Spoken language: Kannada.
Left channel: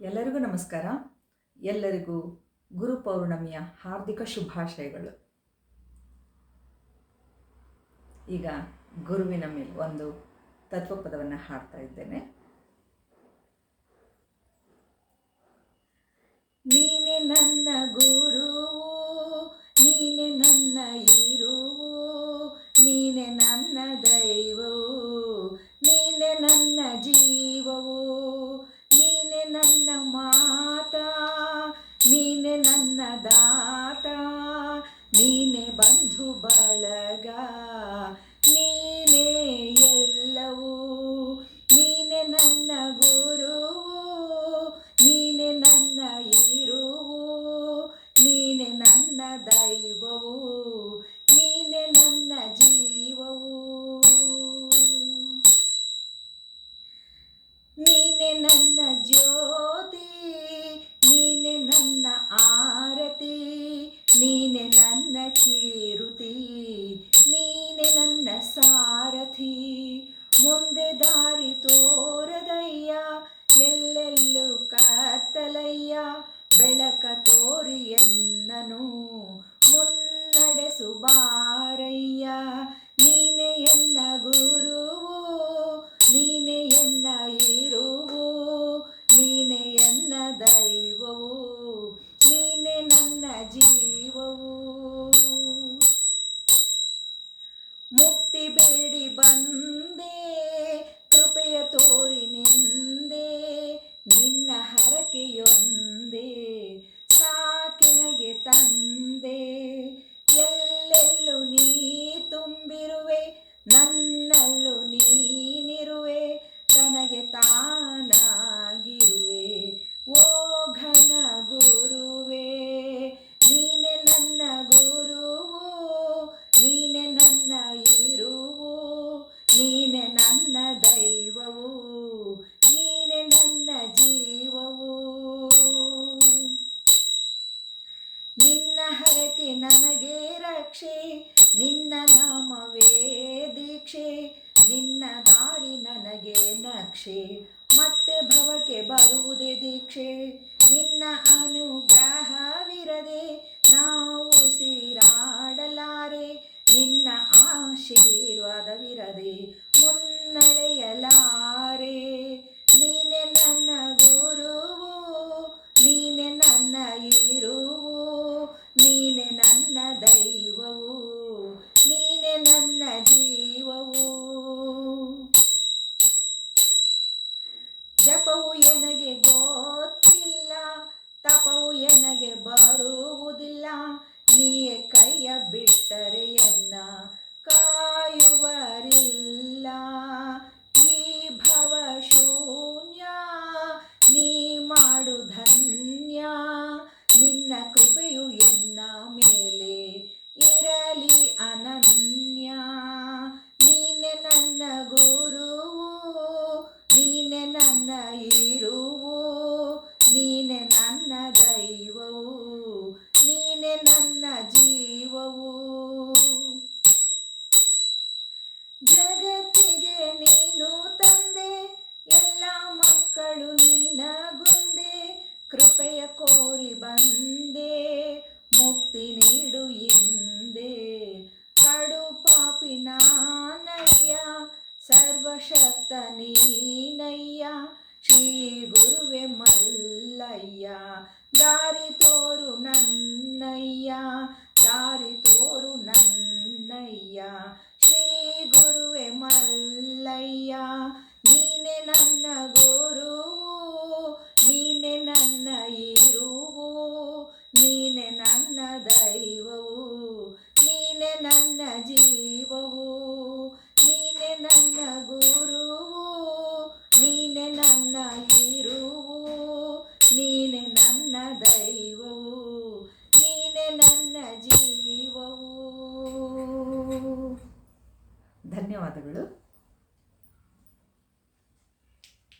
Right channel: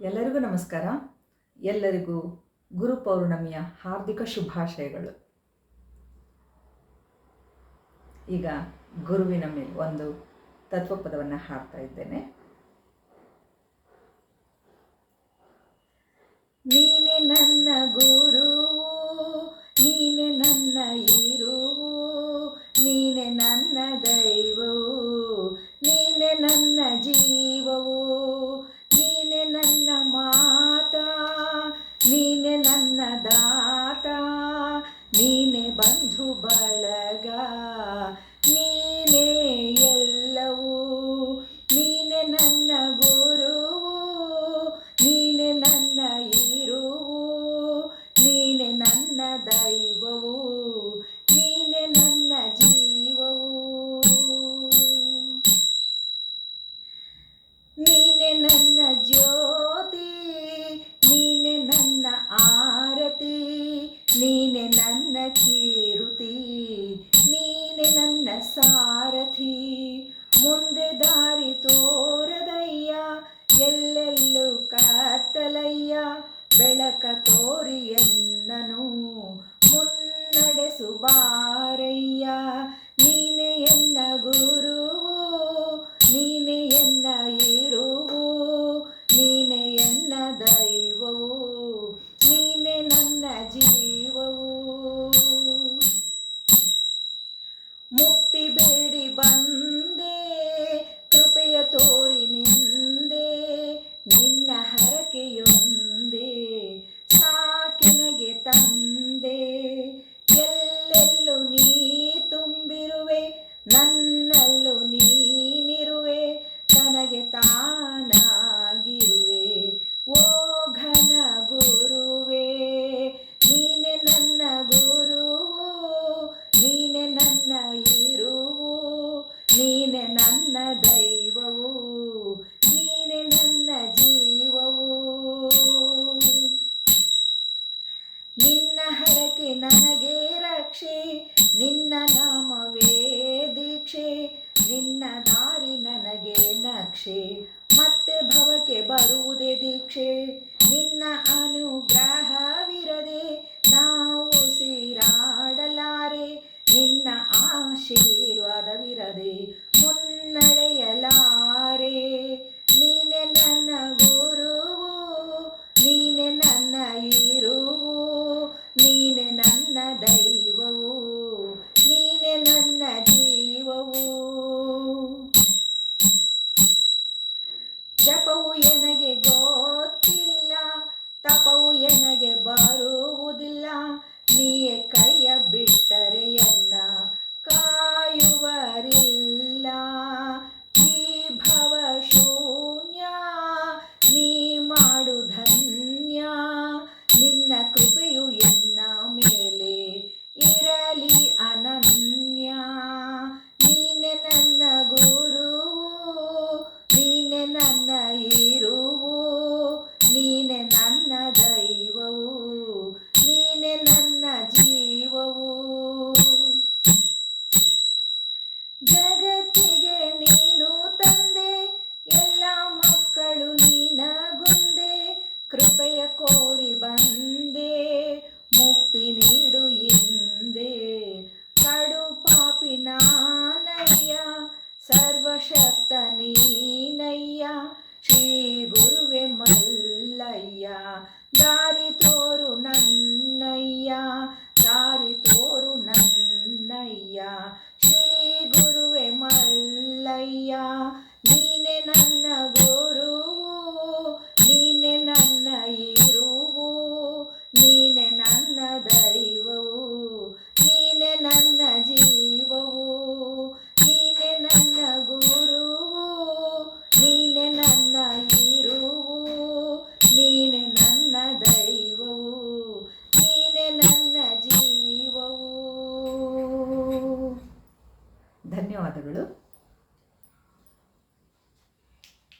ಎಲ್ಲರಿಗೂ ನಮಸ್ಕಾರ. ಎಲ್ಲರಿಗೂ ಗುರು ಪೌರ್ಣಮಿಯ ಹಾರ್ದಿಕ ಶುಭಾಶಯಗಳು. ಈಗ ಗುರುವಿನ ಮೇಲೆ ಒಂದು ತತ್ವಪದವನ್ನು ಹಾಡ್ತಾ ಇದ್ದೇನೆ. ನೀನೆ ನನ್ನ ಗುರುವು, ನೀನೆ ನನ್ನ ಇರುವು, ನೀನೆ ನನ್ನ ದೈವವು, ನೀನೆ ನನ್ನ ಜೀವವು, ನೀನೆ ನನ್ನ ಮಾತಾ, ನೀನೆ ನನ್ನ ದಾತ, ನೀನೆ ಬಂಧು ಬಳಗ, ನೀನೆ ಎಲ್ಲವೂ, ನೀನೆ ನನ್ನ ಗುರುವು, ನೀನೆ ನನ್ನ ಇರುವು, ನೀನೆ ನನ್ನ ದೈವವು, ನೀನೆ ನನ್ನ ಜೀವವು, ನೀನೆ ನನ್ನ ಜ್ಯೋತಿ, ನೀನೆ ನನ್ನ ಆರತಿ, ನೀನೆ ನನ್ನ ಕೀರುತಿ, ನೀನೆ ನನ್ನ ಸಾರಥಿ, ಮುಂದೆ ದಾರಿ ತೋರದಯ್ಯ, ಎಲ್ಲೆಲ್ಲೂ ಕತ್ತಲಯ್ಯ, ಬೆಳಕ ತೋರಿ ಎನ್ನನು ಮುನ್ನಡೆಸು ಬಾರಯ್ಯ, ನೀನೆ ಎನ್ನ ಗುರುವು, ನೀನೆ ಎನ್ನ ಇರುವು, ನೀನೆ ಎನ್ನ ದೈವವು, ನೀನೆ ನನ್ನ ಜೀವವು, ಮುಕ್ತಿ ಬೇಡಿ ಬಂದೆ, ಕೃಪೆಯ ತೋರಿ ನಿಂದೆ, ನಿನ್ನ ಹರಕೆಯೊಂದೇ ಸಾಕೆನಗೆ ತಂದೆ, ಎಲ್ಲೆಲ್ಲೂ ನೀ ತುಂಬಿರುವೆ, ನನ್ನಲ್ಲೂ ನೀನಿರುವೆ, ತನಗೆ ತಾನಾಗಿರುವೆ, ಓ ಘನ ಗುರುವೇ, ನೀನೆ ನನ್ನ ಗುರುವು, ನೀನೆ ನನ್ನ ಇರುವು, ನೀನೆ ನನ್ನ ದೈವವು, ನೀನೆ ನನ್ನ ಜೀವವು, ನಿನ್ನ ಹರಕೆ ನನಗೆ ರಕ್ಷೆ, ನಿನ್ನ ನಾಮವೇ ದೀಕ್ಷೆ, ನಿನ್ನ ದಾರಿ ನನಗೆ ನಕ್ಷೆ, ಮತ್ತೆ ಭವಕ್ಕೆ ಬರುವುದೇ ದೀಕ್ಷೆ, ನಿನ್ನ ಅನುಗ್ರಹವಿರದೆ ನಾವು ಸಿರಾಡಲಾರೆ, ನಿನ್ನ ಆಶೀರ್ವಾದವಿರದೆ ಮುನ್ನಡೆಯಲಾರೆ, ನೀನೆ ನನ್ನ ಗುರುವು, ನೀನೆ ನನ್ನ ಇರುವು, ನೀನೆ ನನ್ನ ದೈವವು, ನೀನೆ ನನ್ನ ಜೀವವು, ಜಪವು ಎನಗೆ ಗೊತ್ತಿಲ್ಲ, ತಪವು ಎನಗೆ ಬರುವುದಿಲ್ಲ, ನೀಯೇ ಕೈಯ ಬಿಟ್ಟರೆ ಎನ್ನ ಕಾಯುವರಿಲ್ಲ, ಈ ಭವ ಶೂನ್ಯ ನೀ ಮಾಡು ಧನ್ಯ, ನಿನ್ನ ಕೃಪೆಯು ಎನ್ನ ಮೇಲೆ ಇರಲಿ ಅನನ್ಯ, ನೀನೆ ನನ್ನ ಗುರುವು, ನೀನೆ ನನ್ನ ಇರುವು, ನೀನೆ ನನ್ನ ದೈವವು, ನೀನೆ ನನ್ನ ಜೀವವು, ಜಗತ್ತಿಗೆ ನೀನು ತಂದೆ, ಎಲ್ಲ ಮಕ್ಕಳು ನೀನಗುಂದೆ, ಕೃಪೆಯ ಕೋರಿ ಬಂದೆ, ಮುಕ್ತಿ ನೀಡು ಎಂದೆ, ಕಡು ಪಾಪಿ ನಾನಯ್ಯ, ಸರ್ವಶಕ್ತ ನೀನಯ್ಯ, ಶ್ರೀ ಗುರುವೆ ಮಲ್ಲಯ್ಯ, ದಾರಿ ತೋರು ನನ್ನಯ್ಯ, ದಾರಿ ತೋರು ನನ್ನಯ್ಯ, ಶ್ರೀ ಗುರುವೆ ಮಲ್ಲಯ್ಯ, ನೀನೆ ನನ್ನ ಗುರು.